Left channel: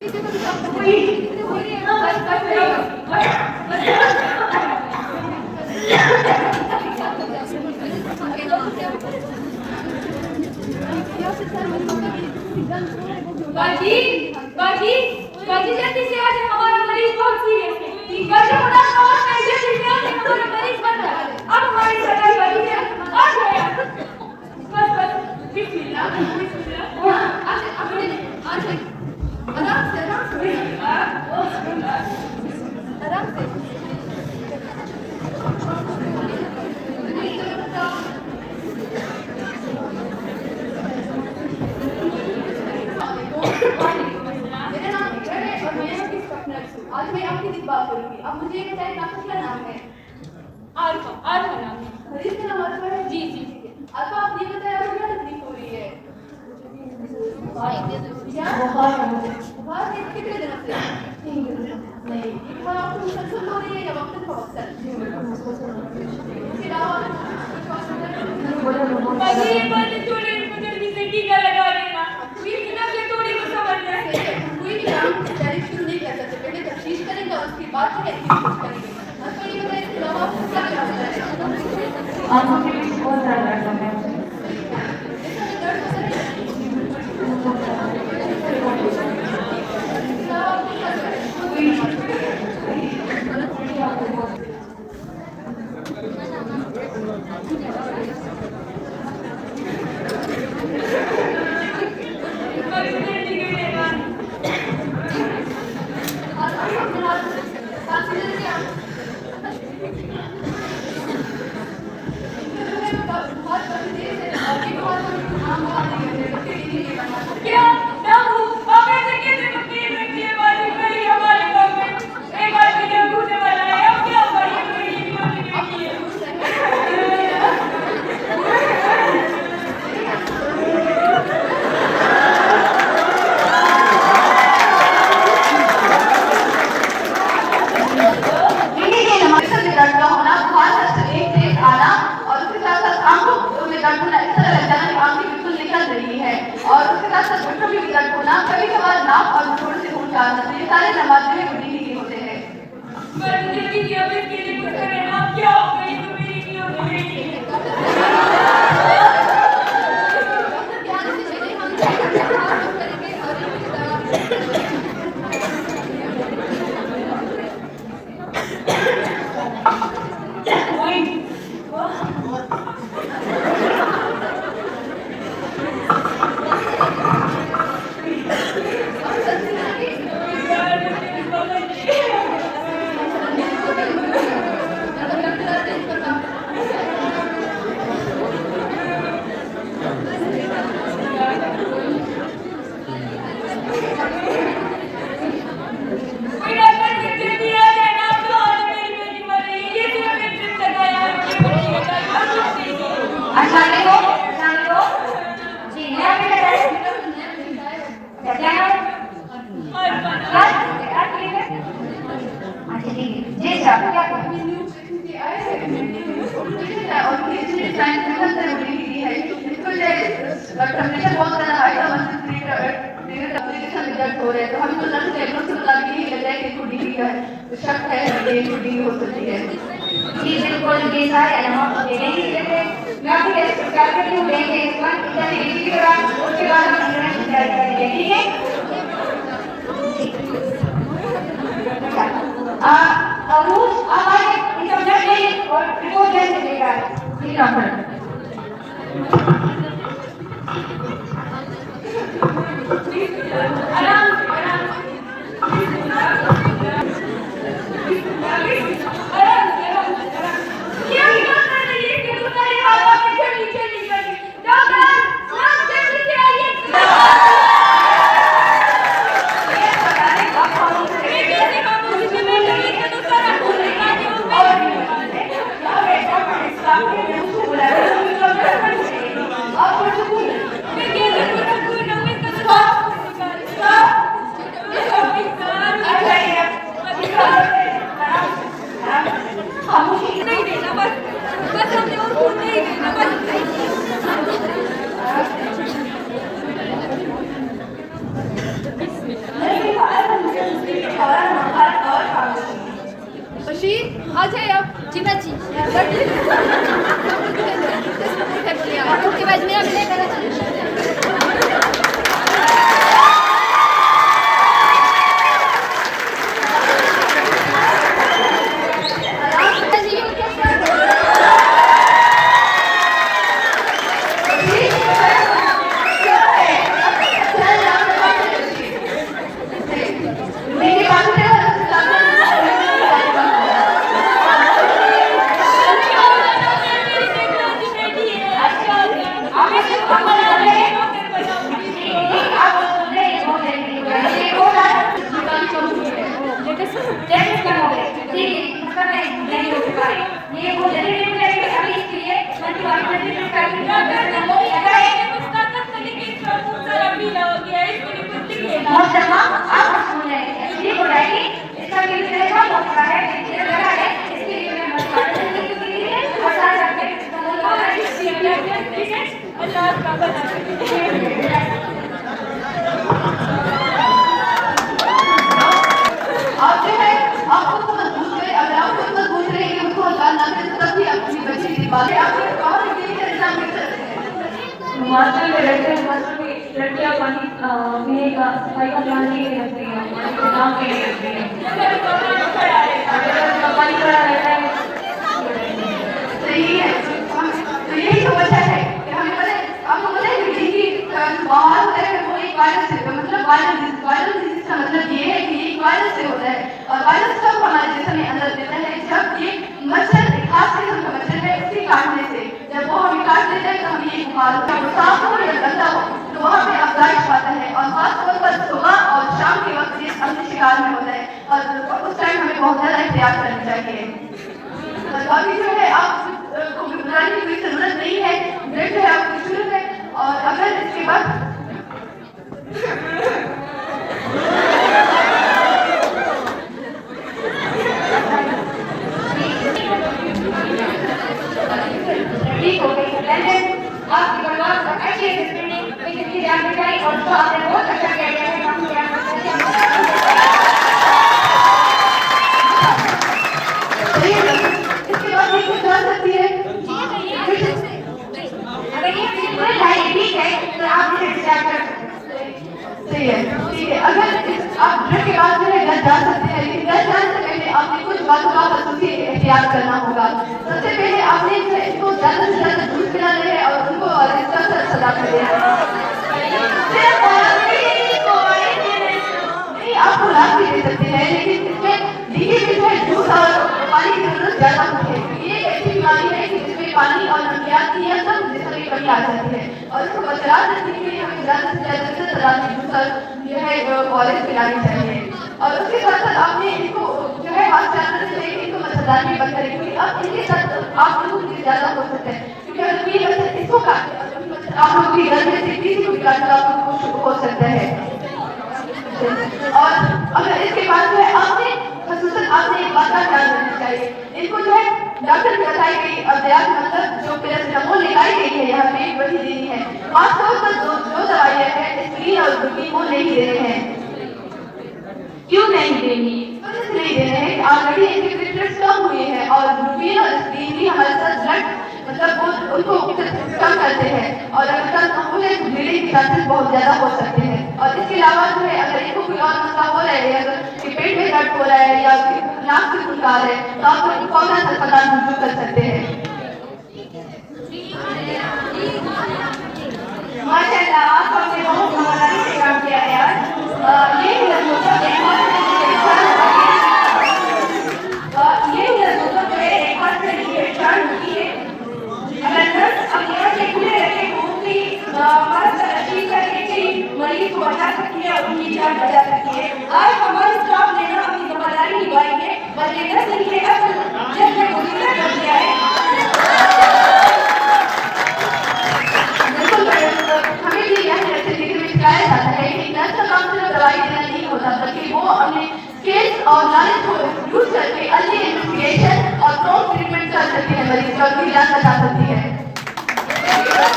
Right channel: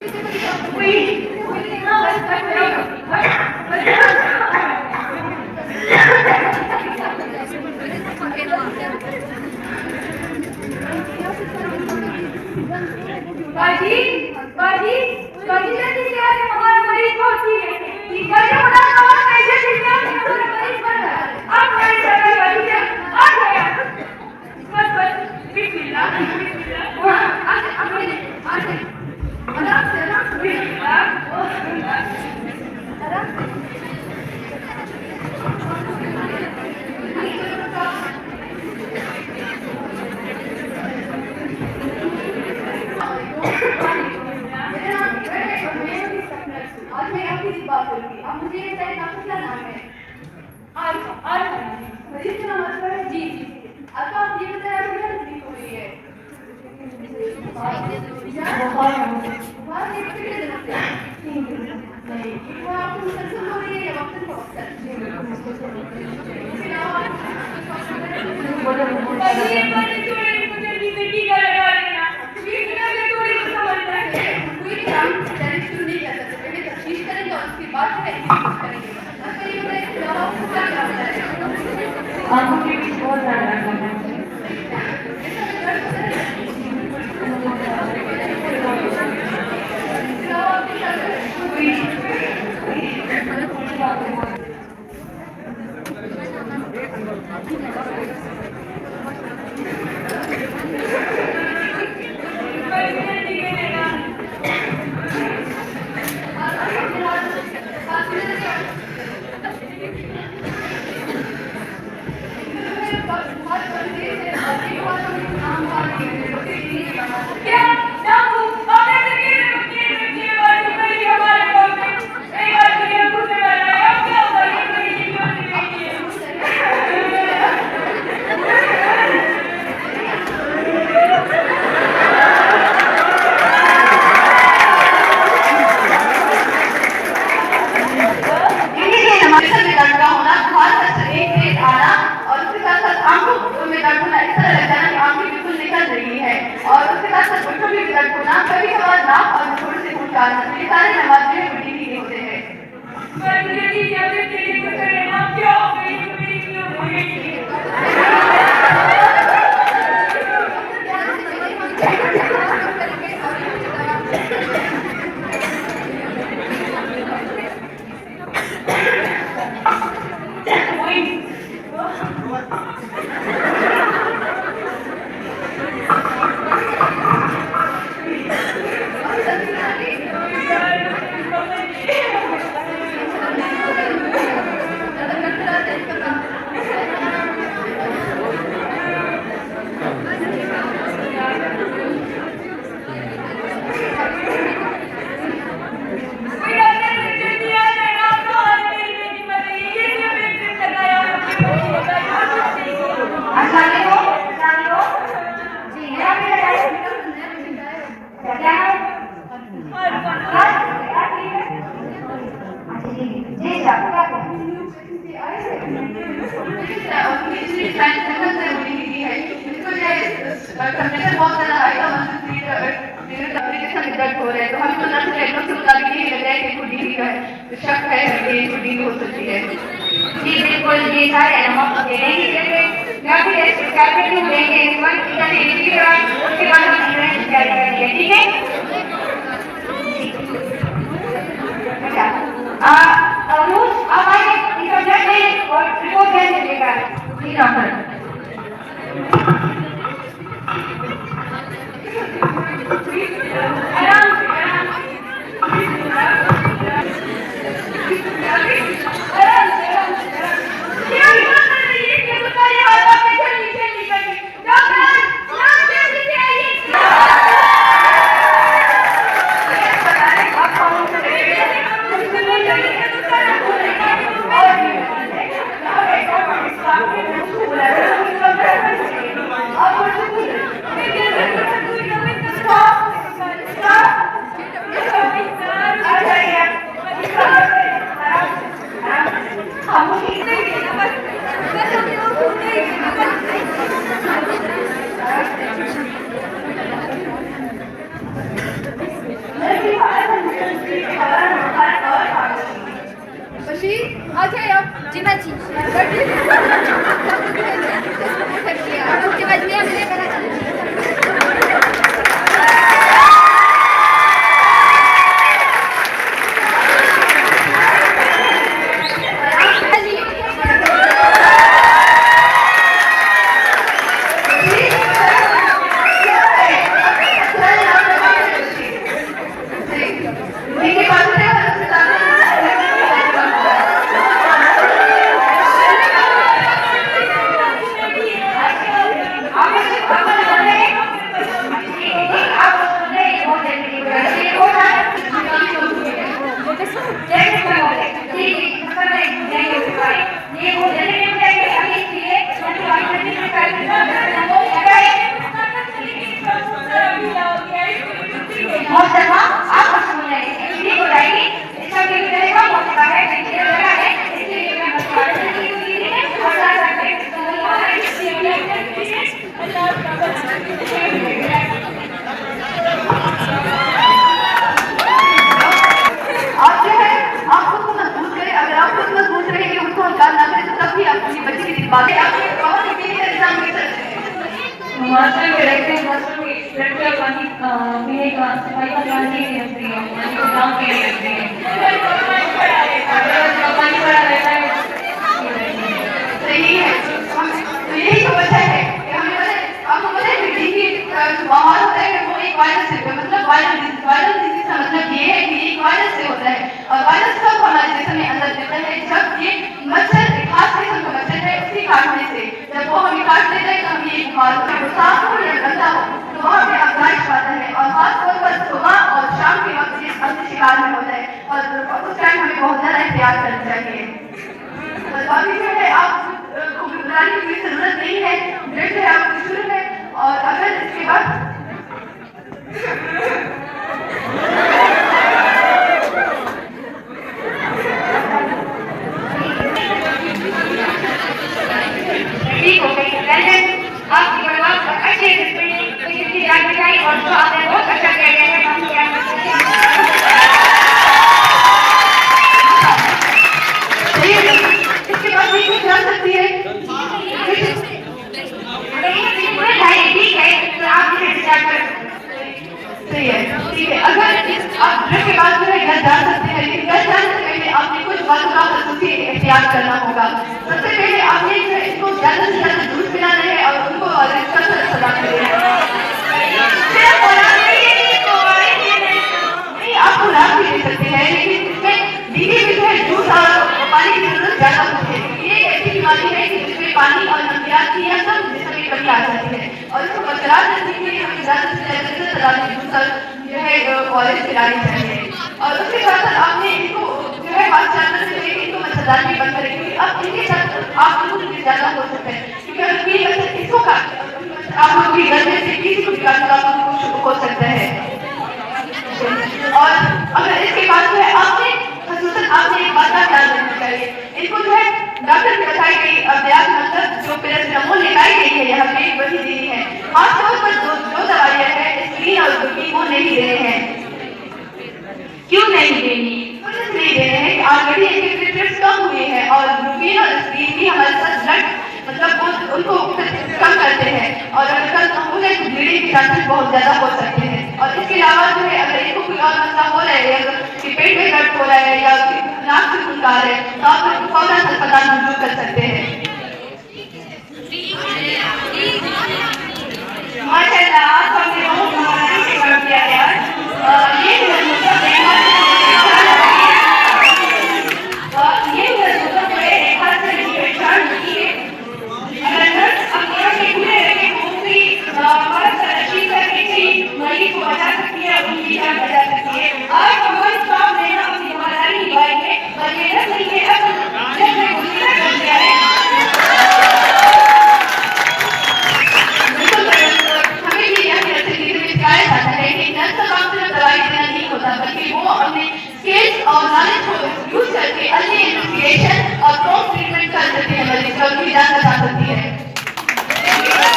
बाजी बाजी बाजी जल्दी से आके हमारा मरीज बहुत सीरियस है। बाजी बता आवाज में जल्दी से आके हमारा मरीज बन रहा है। अब हमारी सरकार बाजी से आ गया। बस बस बिस्मिल्लाह बिस्मिल्लाह। आराम से बिस्मिल्लाह आराम से। आज मैं आपकी इस बात करूंगी। अब मुझे ये बताइए आपका क्या नाम है? अल्फा अल्फा नाम है। मरीज का नाम अल्फा है? जी जी। अल्फा आप ये बताइए आपको क्या तकलीफ हो रही है? बुखार कितने दिनों से? 3 दिन नहीं। बुखार आपको मुसलसल हो रही है या वक्तन फवक्तन? इसके अलावा टीका लगा देना। थोड़ी को समझ में कोई भी काम डायरेक्ट शुरू नहीं कर सकते। पहले तफ्तीश करेंगे और उसके बाद जो है यूज करेंगे। आपको ये बताइए कि दवा आपको क्या क्या होता है? आंखों के बीच बहुत ज्यादा दर्द होता है। और ट्रीटमेंट कर सकते हैं, मरीज का भी जान बचा सकती है।